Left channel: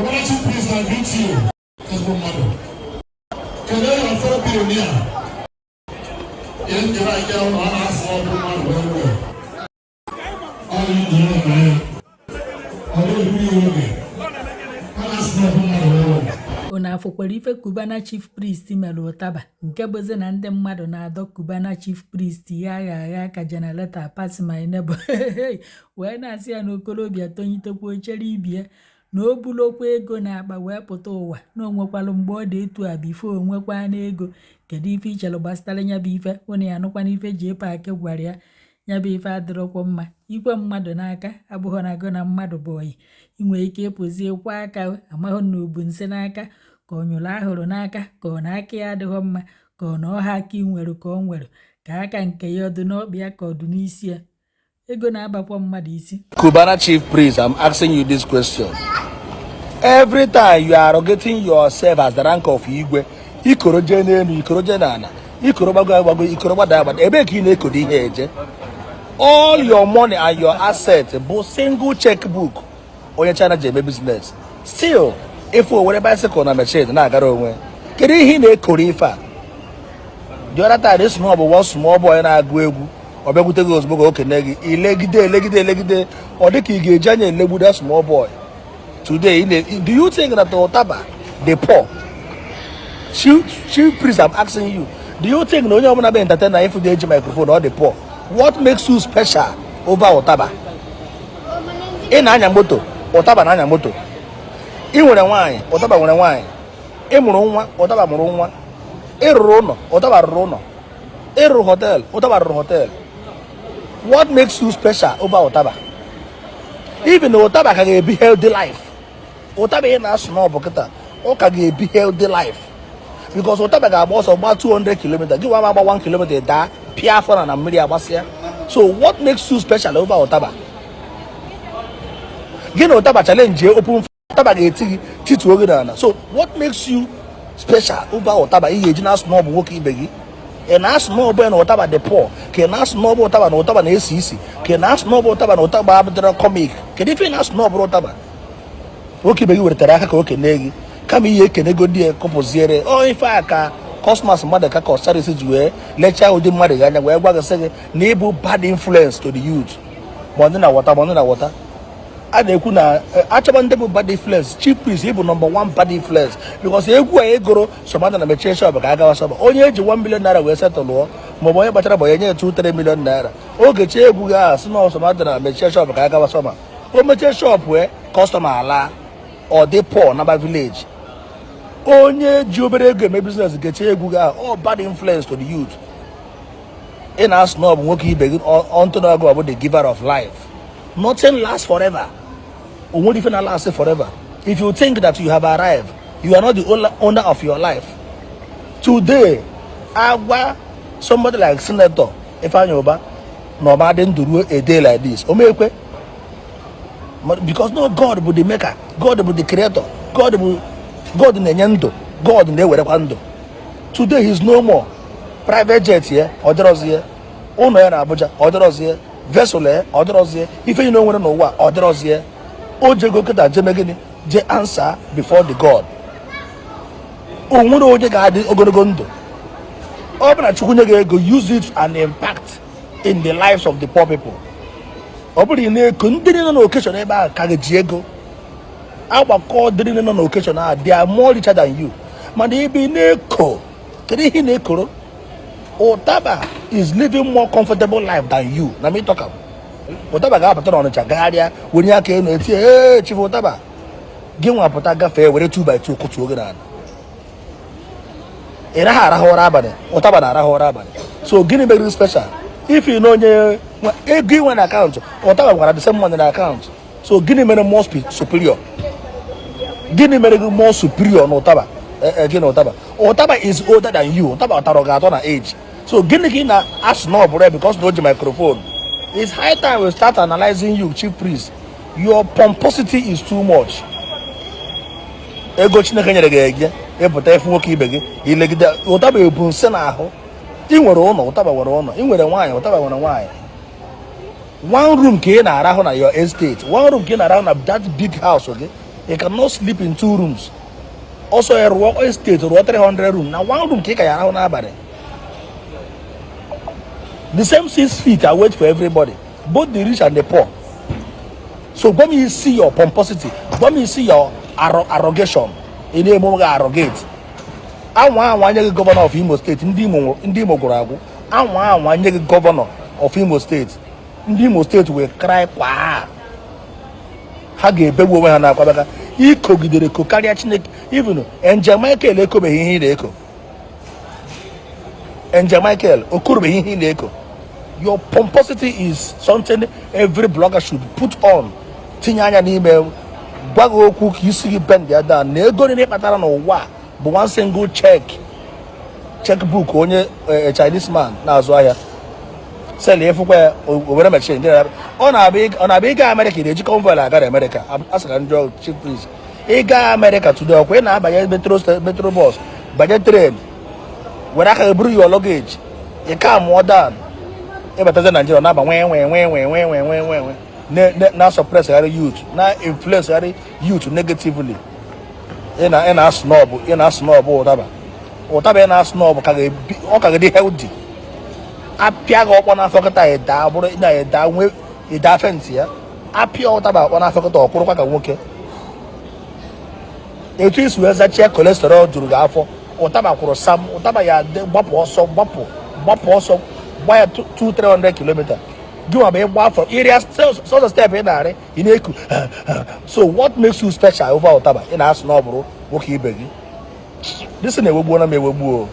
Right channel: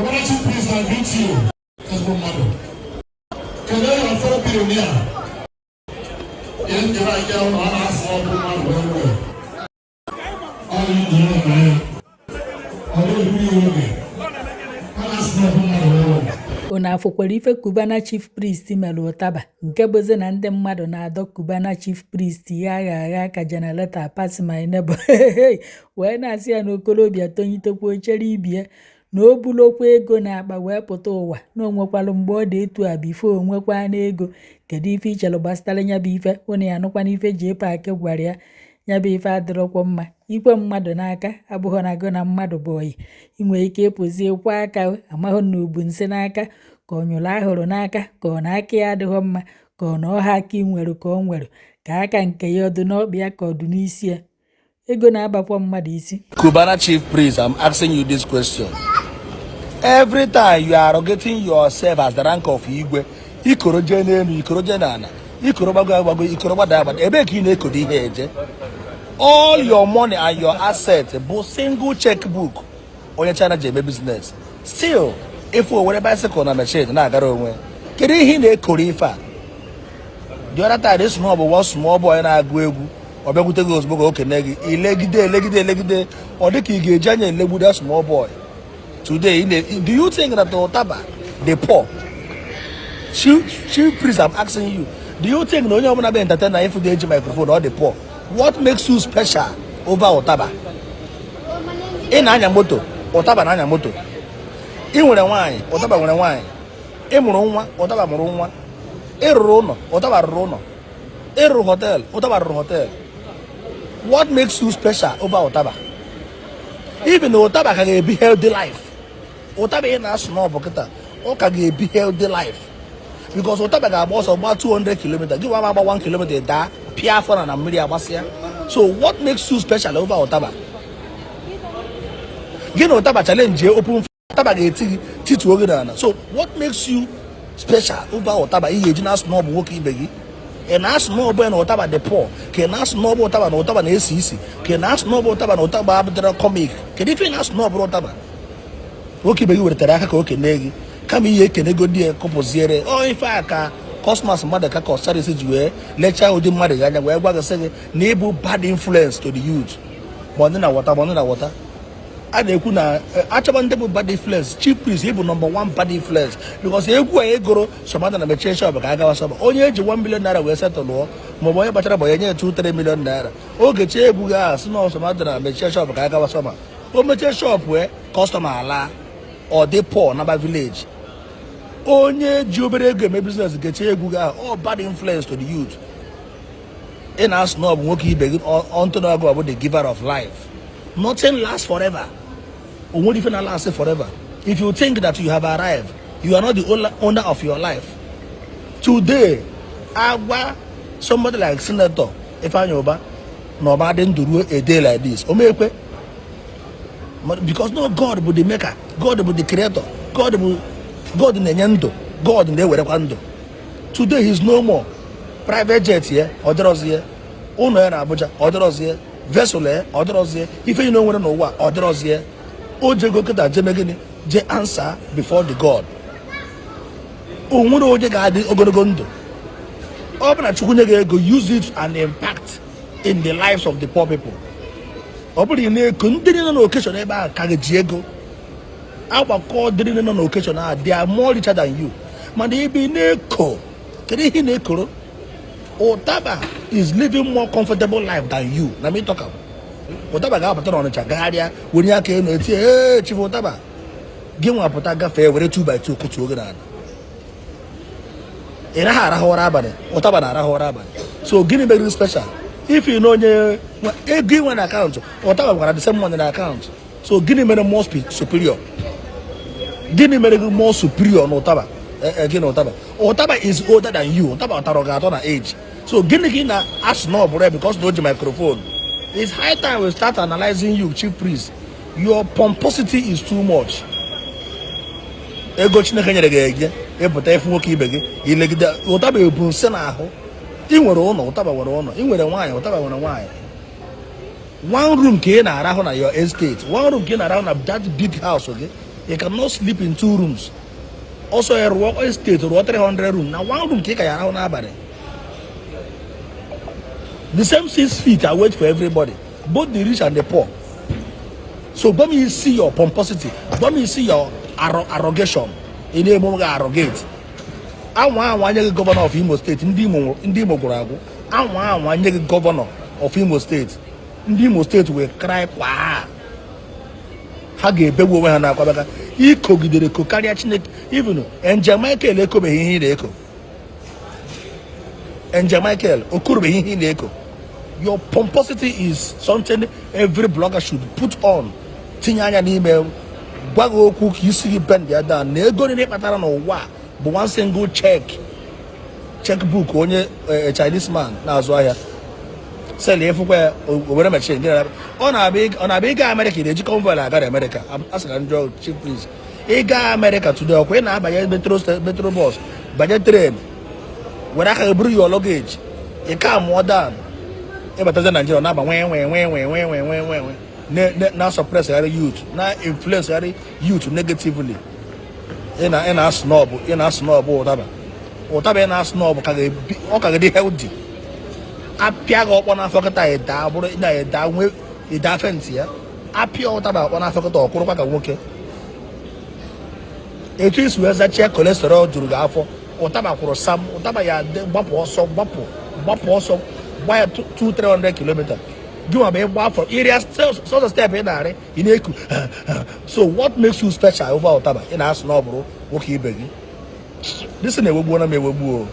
Cubana chief priest, I greet you as one mother. Can I have a fellow pioneer? In the right down on us, all the man well. All you know, man. All you know, Una afọkwara ife Cubana chief priest mere Utaba nke bụzi na ndị mmadụ na-adọ Cubana chief priest ya agha ka generator pass my neighbor wee na-asị ya na okorobịa tonyitekwa ochere ibie na o bulokwa ego na akpa wee pụta ụwa na onwekwalụ mgbe ọ dị etu a bifo onwekwa na ego kedu ife ichere gbasara nya bụ ife ụnụ ya nụkwa n'ife ji paakị gwara ya nya bụ ife adịrọkwa mma ikwe mmadụ n'aka abụghị na go na mmadụ bụ oyi inwe ike ịpụzie kwa aka amahụ na obu nse n'aka ka ọ nyụrụ ahụrụ n'aka ka ọ na aka ya adịghị mma ka ọ na ọha aka nwere ka ọ nwere ka aka nke ya ọdụ n'ọkpịa ka ọdụ n'isi ya ego na-abakwa mmadụ isi. Cubana chief priest, I'm asking you this question. Every time you are getting yourself as the rank of Igwe, ikoroje n'elu, ikoroje n'ala, ikorobago, ikorobada, ebe ka ị na-ekode ihe eje. All your money and your assets, both single checkbook, onye China jebe business. Still, if we were bicycle na machine na agara onwe, kedu ihe na-ekore ife a? The other time, this small boy na-agụ egwu, ọ bịakwute gị ozugbo okene gị, ilegide, ọ dị ka ị ga-eji anya elegbu that small boy. Today, do you think that the Utaba, the poor, chief priest, I'm asking you, do you think no one will be entertained if you age microphone or the poor? What makes you special over Utaba? In Anyamoto, Utaba na Anyamoto. In one wine, Utaba one wine. In Murunwa, Utaba Murunwa. In Rono, Utaba Rono. In Hotel, Utaba Hotel. What makes you special over Utaba? Even though Utaba can be healthy life. Utaba ain't a small boketa. Or can be healthy life. Because Utaba got about 200 kilometers. Give about 1 kilometer there. Pia for an Amelia Basia. So what makes you special over Utaba? You know Utaba challenge open Utaba get Titu Ogana. So what makes you special over Utaba? He is not small working begi. And ask no boy no Utaba the poor. Can ask no Utaba no Utaba ACC. Can ask no Utaba no Utaba Abdra comic. Can even ask no Utaba? Okay, begi with Taraka okay negi. Come here can go there composiere. Oh if I can cosmos mother ka costari sijue lecture with the mother ganya where was say neighbor bad influence to the youth. Monina water. And they could actually bad influence. Chief priest able #1 bad influence because they go some other na change shop Gaga shop. Only 1 million naira we settle law. Moboya batara boy 2-3 million naira. Okay, chebuga small some other na change shop Gaga shop. O shop where customer ala or they poor number village. Onye jobere game business get all bad influence to the youth. In our snob working begin on to go about the giver of life. Nothing lasts forever. Or won't even last forever. If you think that you have arrived, you are not the owner of your life. Today, somebody like Senator Ifanyoba, nobody didn't do a day like this. Because no God but the maker, God but the creator, God in the Nyando, God in the Werewando. Today he's no more. Private jet here, others here, owner in Abuja, others here, vessel here, others here. If you know what, others here. Oje go keta jemegini, je answer before the God. Oje gadi ogonogondo. Obana chukunye go use it and impact in the lives of the poor people. Obuli ne kundini no occasion eba kagejego. Our call didn't on occasion they are more richer than you. Man they be neko. Kedi hi neko. Utaba is living more comfortable life than you. Na me talk am. Utaba ga pata on chagaria when ya ke no ti eh chief Utaba. Give one pata ga fair were 2x2 kutu ogana. Era hara hora bane. Utaba na hara hora bane. So gini be special. If you know give one account, Utaba gonna the same money in the account. So gini me more superior. Gini me more superior on Utaba. Again Utaba. Utaba is older than you. Utaba tarogato na age. So gini na ask no because no microphone. It's high time we start analyzing you, chief priest. Your pomposity is too much. Ego chineke nyere epụta efu nwoke ibe gị ilegide Utaba ebu nse n'ahụ ị nwere ụlọ Utaba nwere ụlọ ị nwere nwaanyị Utaba nwere nwaanyị one room ka ị na-arahụ na your estate one room ka ị na-arahụ na that big house gị You cannot sleep in 2 rooms. Also, a work estate or 300 room. Now, 1 room, kick around nobody. The same 6 feet I wait for everybody, both the rich and the poor. So, when you see your pomposity, when you see your arrogation, in the moment arrogate. I want the governor of Imo State, Ndimo Gorago. I want the governor of Imo State. Imo State will cry, wow. Hage bego we hana kwabaka iko gidere ko karịa Chineke even Angel Michael eko be ihe ile eko Angel Michael okuru be ihe ile eko. Your pomposity is something every blogger should put on. Tinye anya n'ime gwago okwu ka isi gị bend ya down na ego niile kpatara n'ụwa bụ one single checkbook onye Chinese man na-azụ ahịa sell efukwe obere machine ọ na-abịa ịga America na-eji convoy aga America asịra ndị chief priest ịga America today ọkwa ị na-abanye metro bus banye train were aka buru your luggage ị ka mụọ down ịbatazi Nigeria na-aba nwe na suppress youth na influence youth negatively ị na snob ụtaba ị na snob ka ọ ka dị healthy apia ga ọkpọ n'afọ kịta ịda bụrụ na nwe ịda fenti ya apịa ụtaba ọkpọ n'afọ kịta ọkwụrụkwa ka nwoke etu isi wee zachie cholesterol juru gị afọ ụtaba kwụrụ sam ụtaba ya gbapụ ọsọ gba ya 200-300 kilomita gị nwa bụ ịgba afọ area sọsọ step ị na-arị ị na-eku. So what makes you special over ụtaba ị na-asị na ọ bụrụ nwoke ibe gị? This na-ewegbuo na m ewegbuo.